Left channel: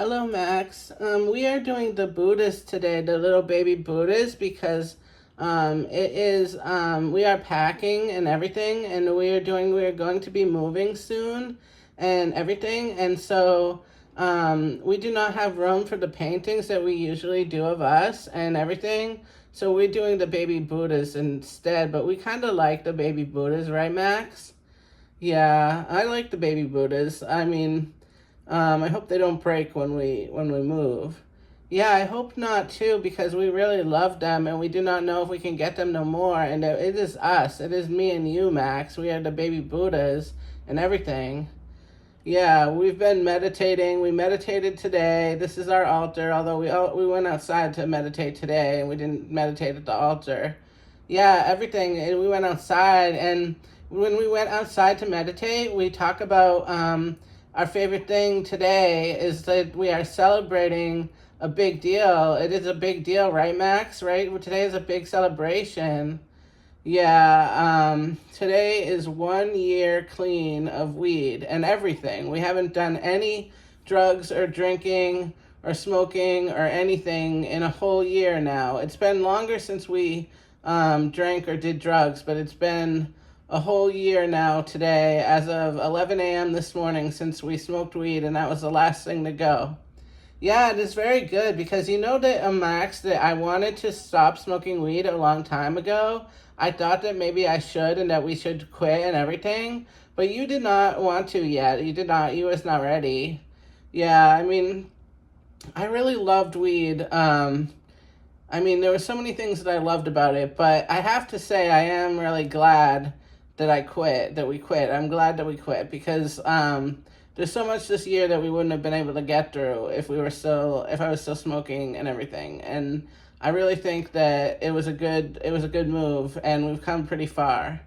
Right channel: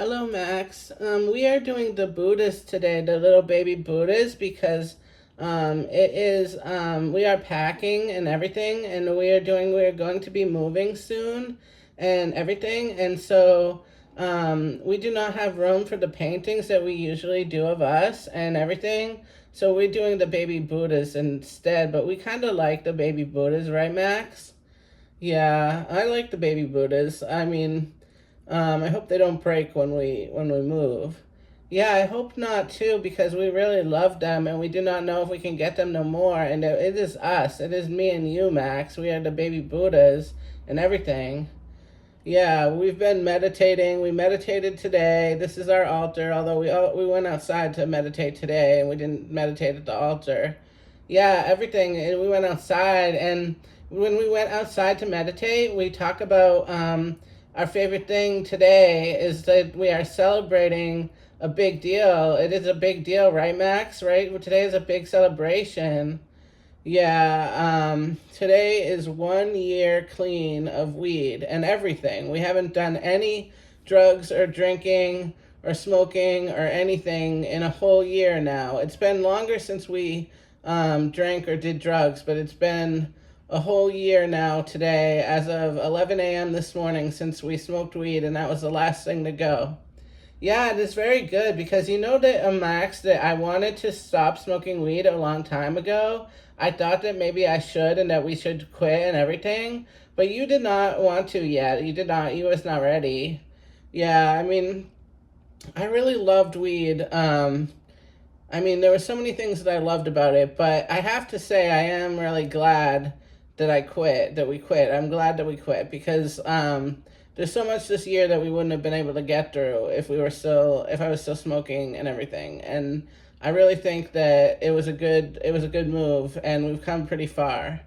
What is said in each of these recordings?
Hello, Max. We are doing the Buddhas today, the little baby Buddhas, because we are packing and everything, and we are going to be moving soon and everything. And so we do not have room for the paintings that we usually do of us and everything. So we're doing the baby Buddhas instead, but we kind of like the baby Buddhas, right, Max? Yeah, I like the baby Buddhas. I hope they don't break when we move. Yeah, I hope not too, because we really love them and we do not know if we can get them no more. And it is us. It is me and you, Max. We are the baby Buddhas and everything. Yeah, we've been meditating. We meditated today. This is our altar, although we went outside to meditate today and we didn't meditate at the altar. Yeah, everything. And we went outside, and when we went outside to meditate, we talk about our favorite thing today is that we are celebrating a big deal. It is a big deal, right, Max? Right? Well, today is a big celebration. Yeah, today is 1 year clean of weed and everything. We haven't done any drugs or drinking or smoking or anything in a whole year now. It's been longer since we drank or did drugs, but it's been a whole year now today, as of 11 a.m. this morning, since we smoked weed, and that was the last thing to go. Yeah, it is very good because you know that, Max, that I wanted to stop smoking weed a long time ago. I thought that maybe I should and that we should quit and everything, but you did not want to yet. You did not. You was not ready. Yeah, I really loved weed. There were so many things that I loved about it, but I have to say I am really glad that we quit. I'm glad that we quit because there's so much this year that we wouldn't have been able to get through if I was still smoking and everything. And I really think that it was a good move, and we've come pretty far.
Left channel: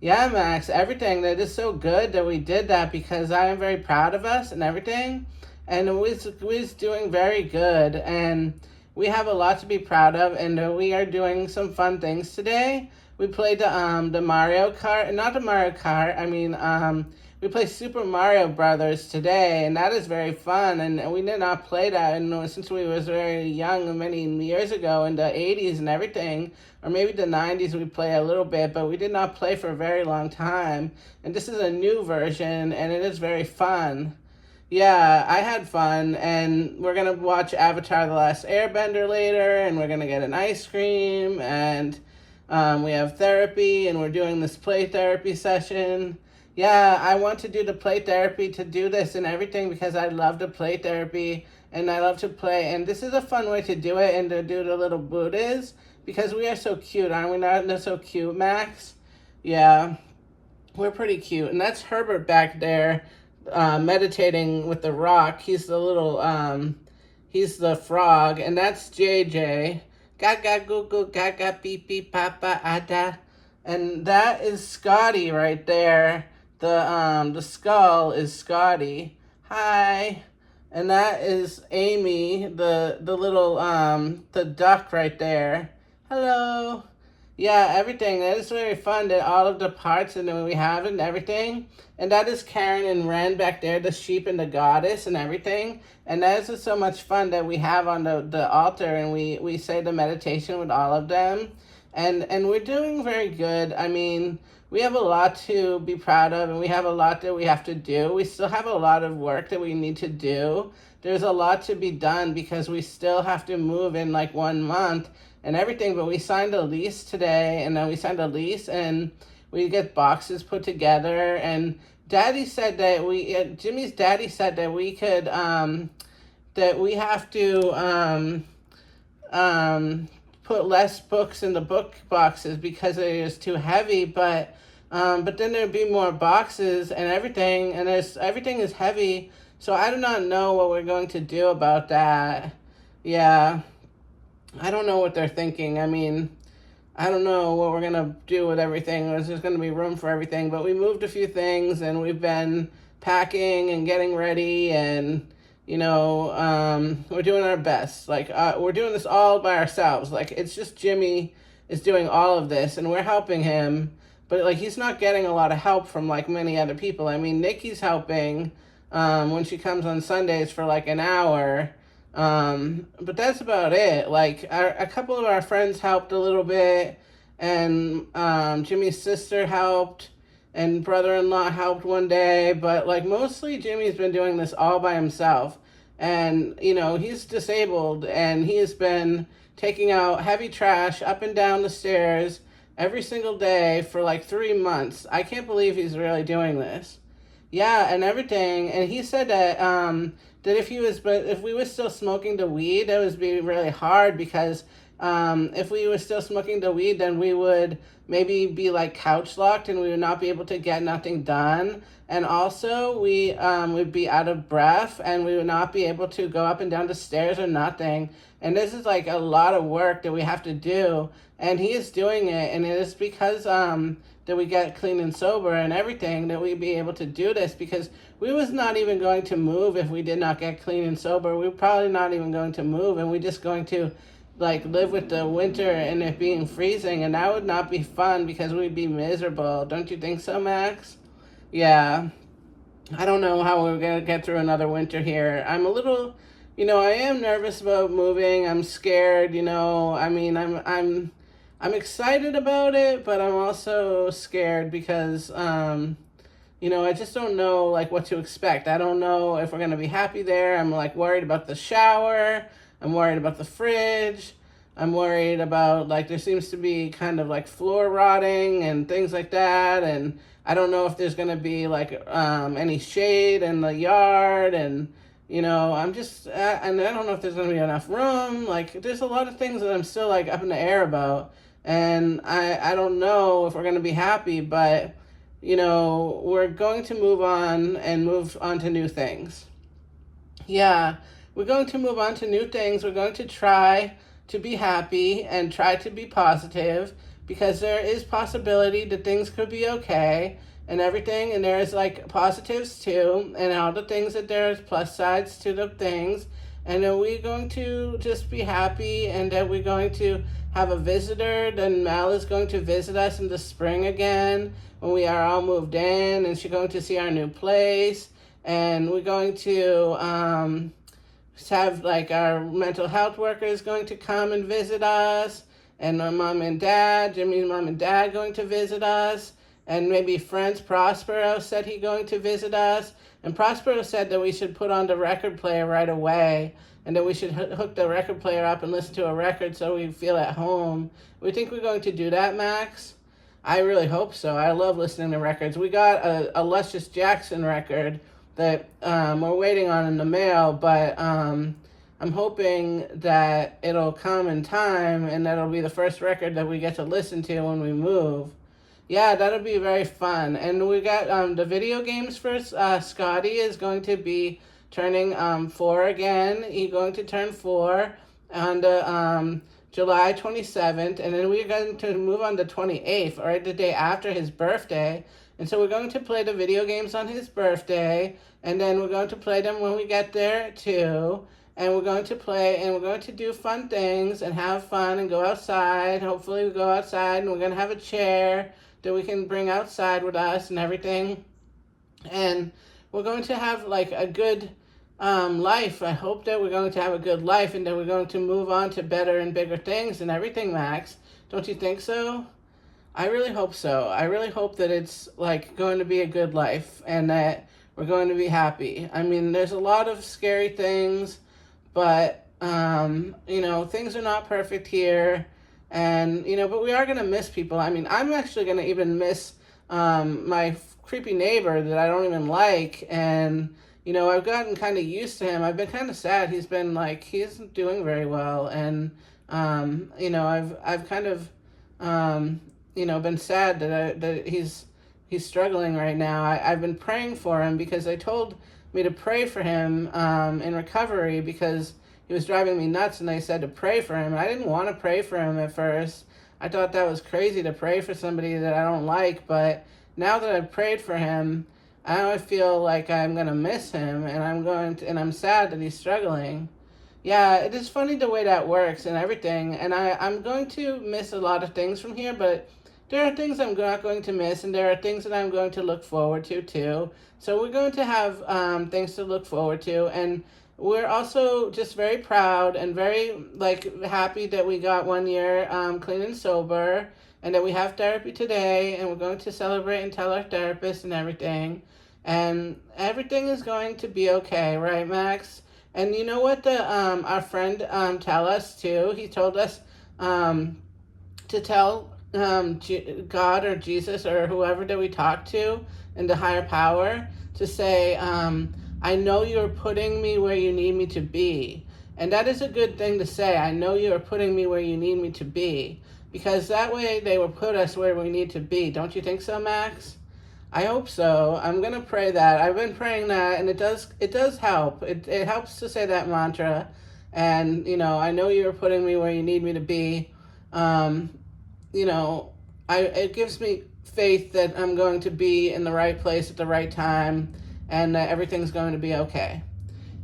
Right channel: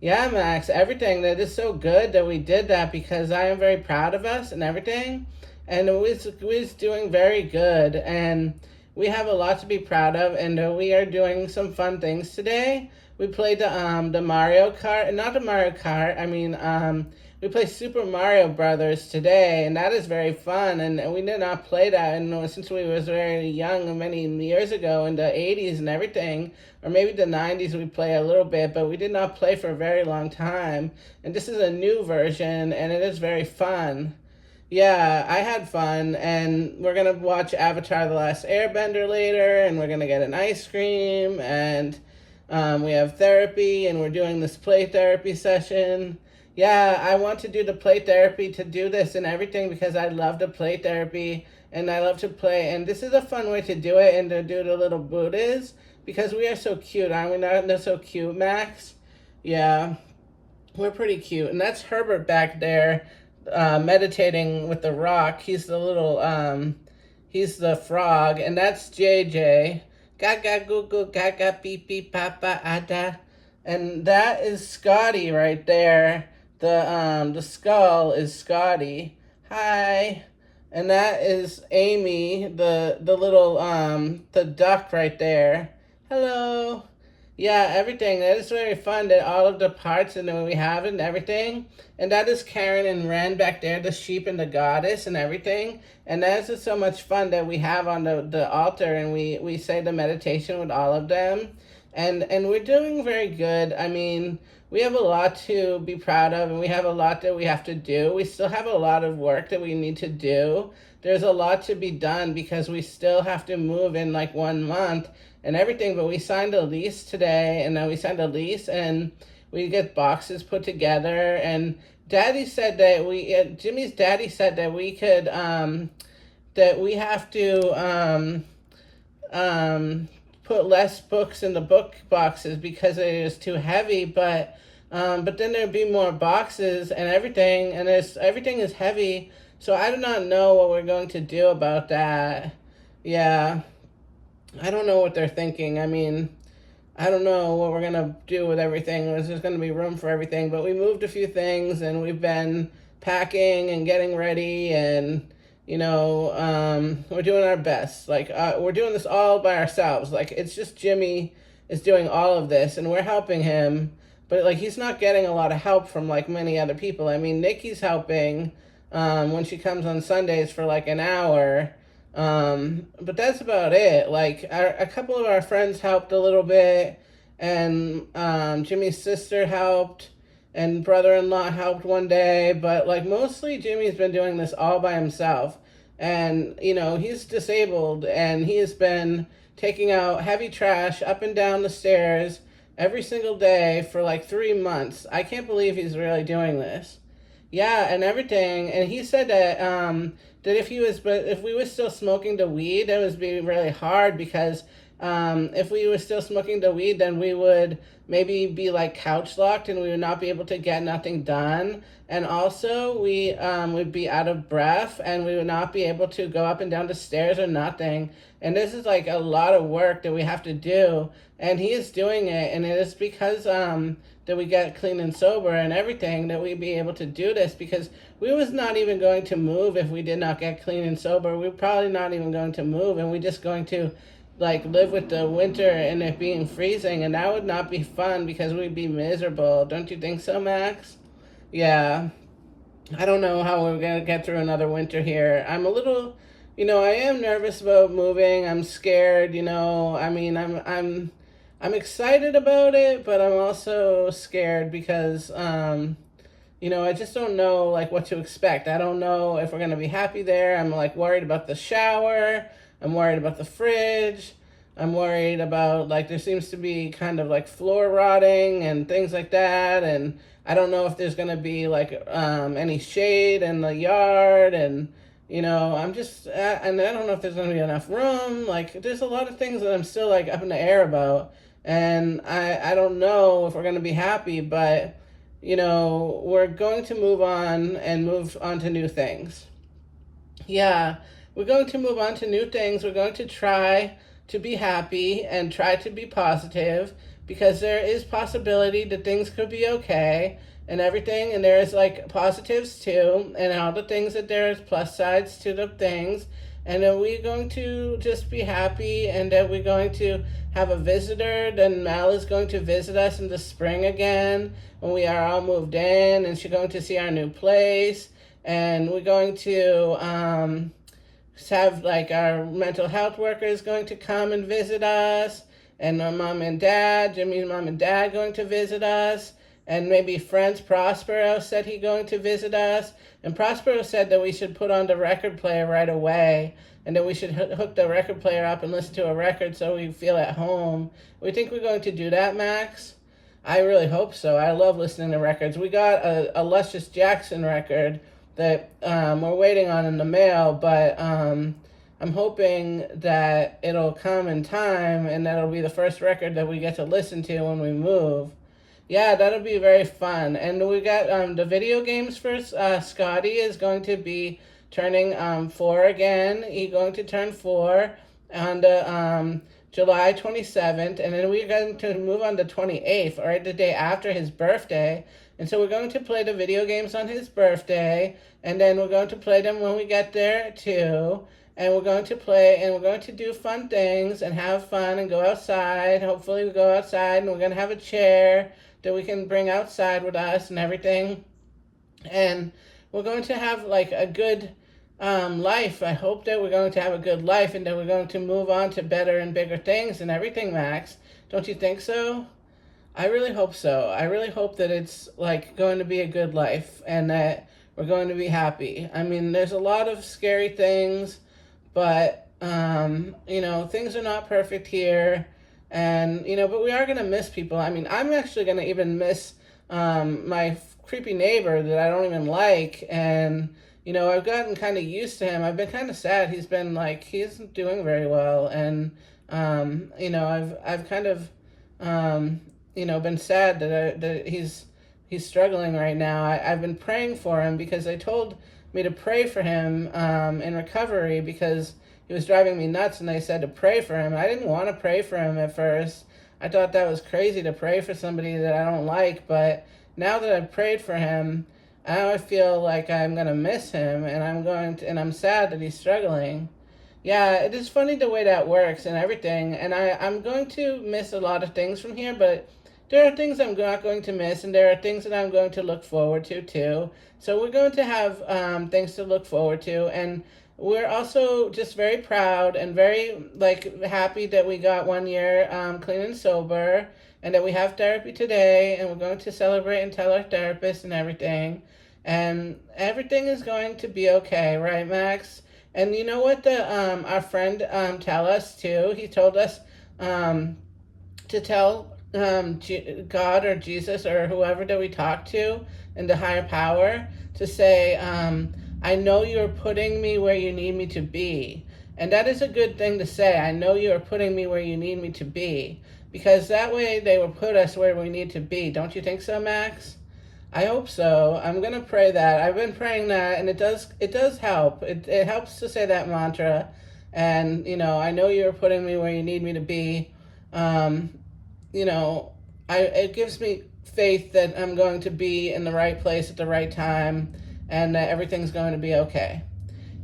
Yeah, Max, everything. That is so good that we did that, because I am very proud of us and everything. And we's doing very good, and we have a lot to be proud of, and we are doing some fun things today. We played the Mario Kart, not the Mario Kart. We played Super Mario Brothers today, and that is very fun. And we did not play that, and since we was very young, many years ago in the 80s and everything, or maybe the 90s, we play a little bit, but we did not play for a very long time. And this is a new version, and it is very fun. Yeah, I had fun, and we're gonna watch Avatar: The Last Airbender later, and we're gonna get an ice cream, and we have therapy, and we're doing this play therapy session. Yeah, I want to do the play therapy to do this and everything because I love the play therapy and I love to play. And this is a fun way to do it and to do the little Buddhas because we are so cute, aren't we not? They're so cute, Max. Yeah, we're pretty cute. And that's Herbert back there meditating with the rock. He's the frog. And that's JJ. Gaga goo goo gaga beep beep papa ada. And that is Scotty right there. The skull is Scotty. Hi. And that is Amy, the little the duck right there. Hello. Yeah, everything. That is very fun, that all of the parts and then we have it and everything. And that is Karen and Ren back there, the sheep and the goddess and everything. And that is just so much fun that we have on the altar, and we say the meditation with all of them. And we're doing very good. We have a lot to be proud of, and we have a lot that we have to do. We still have a lot of work that we need to do. There's a lot to be done because we still have to move in like 1 month and everything. But we signed a lease today, and then we signed a lease, and we get boxes put together. And Jimmy's daddy said that we could, that we have to, put less books in the book boxes because it is too heavy, but then there'd be more boxes and everything, and everything is heavy, so I do not know what we're going to do about that. Yeah, I don't know what they're thinking. I don't know what we're gonna do with everything. There's just gonna be room for everything, but we moved a few things, and we've been packing and getting ready, and we're doing our best. We're doing this all by ourselves. Like, it's just Jimmy is doing all of this, and we're helping him. But, he's not getting a lot of help from, many other people. Nikki's helping. when she comes on Sundays for like an hour. But that's about it. Like a couple of our friends helped a little bit, and Jimmy's sister helped, and brother-in-law helped one day. But like mostly, Jimmy's been doing this all by himself, and he's disabled, and he's been taking out heavy trash up and down the stairs every single day for like 3 months. I can't believe he's really doing this. Yeah, and everything. And he said that that if we were still smoking the weed, it was be really hard because if we were still smoking the weed, then we would maybe be like couch locked and we would not be able to get nothing done. And also we would be out of breath and we would not be able to go up and down the stairs or nothing. And this is like a lot of work that we have to do. And he is doing it, and it is because that we get clean and sober and everything that we'd be able to do this, because we was not even going to move if we did not get clean and sober. We're probably not even going to move, and we're just going to like live with the winter and it being freezing, and that would not be fun because we'd be miserable. Don't you think so, Max? Yeah. I don't know how we're gonna get through another winter here. I'm a little, I am nervous about moving. I'm scared. I mean, I'm excited about it, but I'm also scared because I just don't know like what to expect. I don't know if we're gonna be happy there. I'm like worried about the shower. I'm worried about the fridge. I'm worried about like there seems to be kind of like floor rotting and things like that, and I don't know if there's gonna be like any shade in the yard, and I'm just and I don't know if there's gonna be enough room. Like there's a lot of things that I'm still like up in the air about, and I don't know if we're gonna be happy, but we're going to move on and move on to new things. Yeah, we're going to move on to new things. We're going to try to be happy and try to be positive, because there is possibility that things could be okay and everything, and there is like positives too, and all the things that there's plus sides to the things, and then we're going to just be happy, and then we're going to have a visitor. Then Mel is going to visit us in the spring again when we are all moved in, and she's going to see our new place, and we're going to have like our mental health worker is going to come and visit us, and my mom and dad, Jimmy's mom and dad, going to visit us, and maybe friends. Prospero said he going to visit us, and Prospero said that we should put on the record player right away, and that we should hook the record player up and listen to a record so we feel at home. We think we're going to do that, Max? I really hope so. I love listening to records. We got a Luscious Jackson record that we're waiting on in the mail, but I'm hoping that it'll come in time, and that'll be the first record that we get to listen to when we move. Yeah, that'll be very fun. And we got the video games for Scotty is going to be turning 4 again. He's going to turn 4 on the July 27th, and then we're going to move on the 28th, right the day after his birthday. And so we're going to play the video games on his birthday, and then we're going to play them when we get there too. And we're going to play, and we're going to do fun things and have fun and go outside. Hopefully we go outside, and we're going to have a chair that we can bring outside with us and everything. And we're going to have like a good life. I hope that we're going to have a good life, and that we're going to move on to better and bigger things and everything, Max. Don't you think so? I really hope so. I really hope that it's like going to be a good life, and that we're going to be happy. I mean, there's a lot of scary things, but things are not perfect here, and but we are going to miss people. I mean, I'm actually going to even miss my creepy neighbor that I don't even like, and I've gotten kind of used to him. I've been kind of sad. He's doing very well, and I've kind of been sad that he's struggling right now. I've been praying for him, because they told me to pray for him in recovery, because he was driving me nuts, and they said to pray for him. I didn't want to pray for him at first. I thought that was crazy to pray for somebody that I don't like, but now that I've prayed for him, I feel like I'm going to miss him, and I'm sad that he's struggling. Yeah, it is funny the way that works and everything, and I'm going to miss a lot of things from here, but there are things I'm not going to miss, and there are things that I'm going to look forward to too. So we're going to have things to look forward to, and we're also just very proud and very like happy that we got 1 year clean and sober, and that we have therapy today, and we're going to celebrate and tell our therapist and everything, and everything is going to be okay, right, Max? And you know what the our friend tell us too? He told us um, to tell God or Jesus or whoever that we talk to in the higher power to say, I know you're putting me where you need me to be. And that is a good thing to say. I know you are putting me where you need me to be. Because that way they will put us where we need to be. Don't you think so, Max? I hope so. I'm gonna pray that. I've been praying that, and it does help. It helps to say that mantra, and I know you're putting me where you need me to be. Um, you know, it gives me faith that I'm going to be in the right place at the right time, and that everything's going to be okay.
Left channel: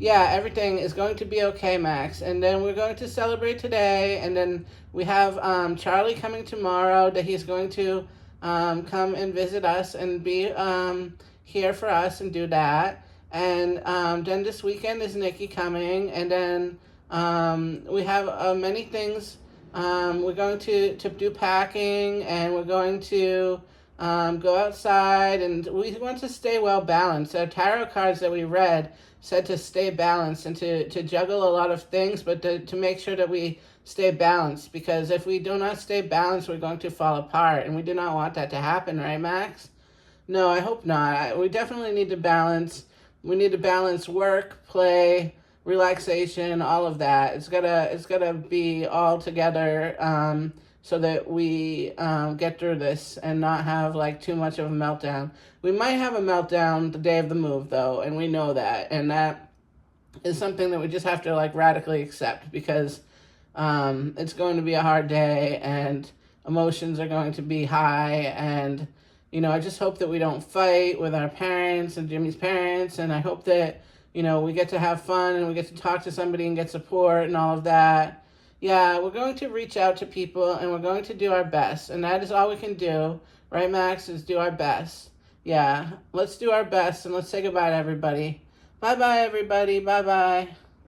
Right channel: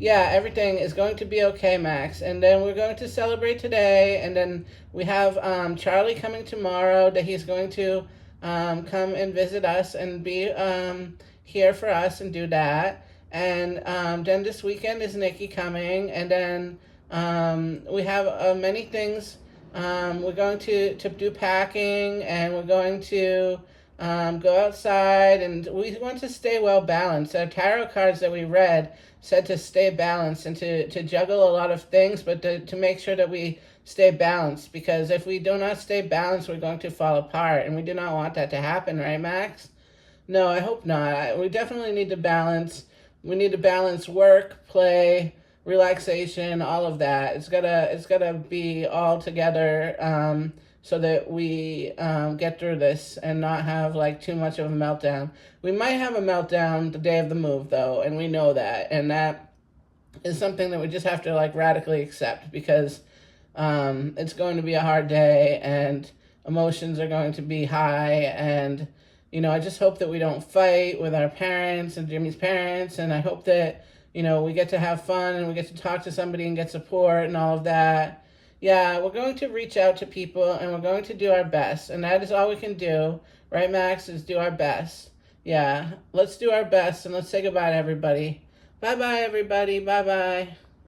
Yeah, everything is going to be okay, Max. And then we're going to celebrate today, and then we have Charlie coming tomorrow. That he's going to come and visit us and be here for us and do that. And then this weekend is Nikki coming, and then we have many things. We're going to do packing, and we're going to go outside, and we want to stay well balanced. Our tarot cards that we read said to stay balanced and to juggle a lot of things, but to make sure that we stay balanced, because if we do not stay balanced, we're going to fall apart, and we do not want that to happen, right, Max? No, I hope not. We definitely need to balance. We need to balance work, play, relaxation, all of that. It's gotta be all together, so that we get through this and not have like too much of a meltdown. We might have a meltdown the day of the move though, and we know that, and that is something that we just have to like radically accept, because it's going to be a hard day, and emotions are going to be high, and I just hope that we don't fight with our parents and Jimmy's parents, and I hope that we get to have fun, and we get to talk to somebody and get support and all of that. Yeah, we're going to reach out to people, and we're going to do our best, and that is all we can do, right, Max? Is do our best. Yeah, let's do our best, and let's say goodbye to everybody. Bye bye, everybody. Bye bye.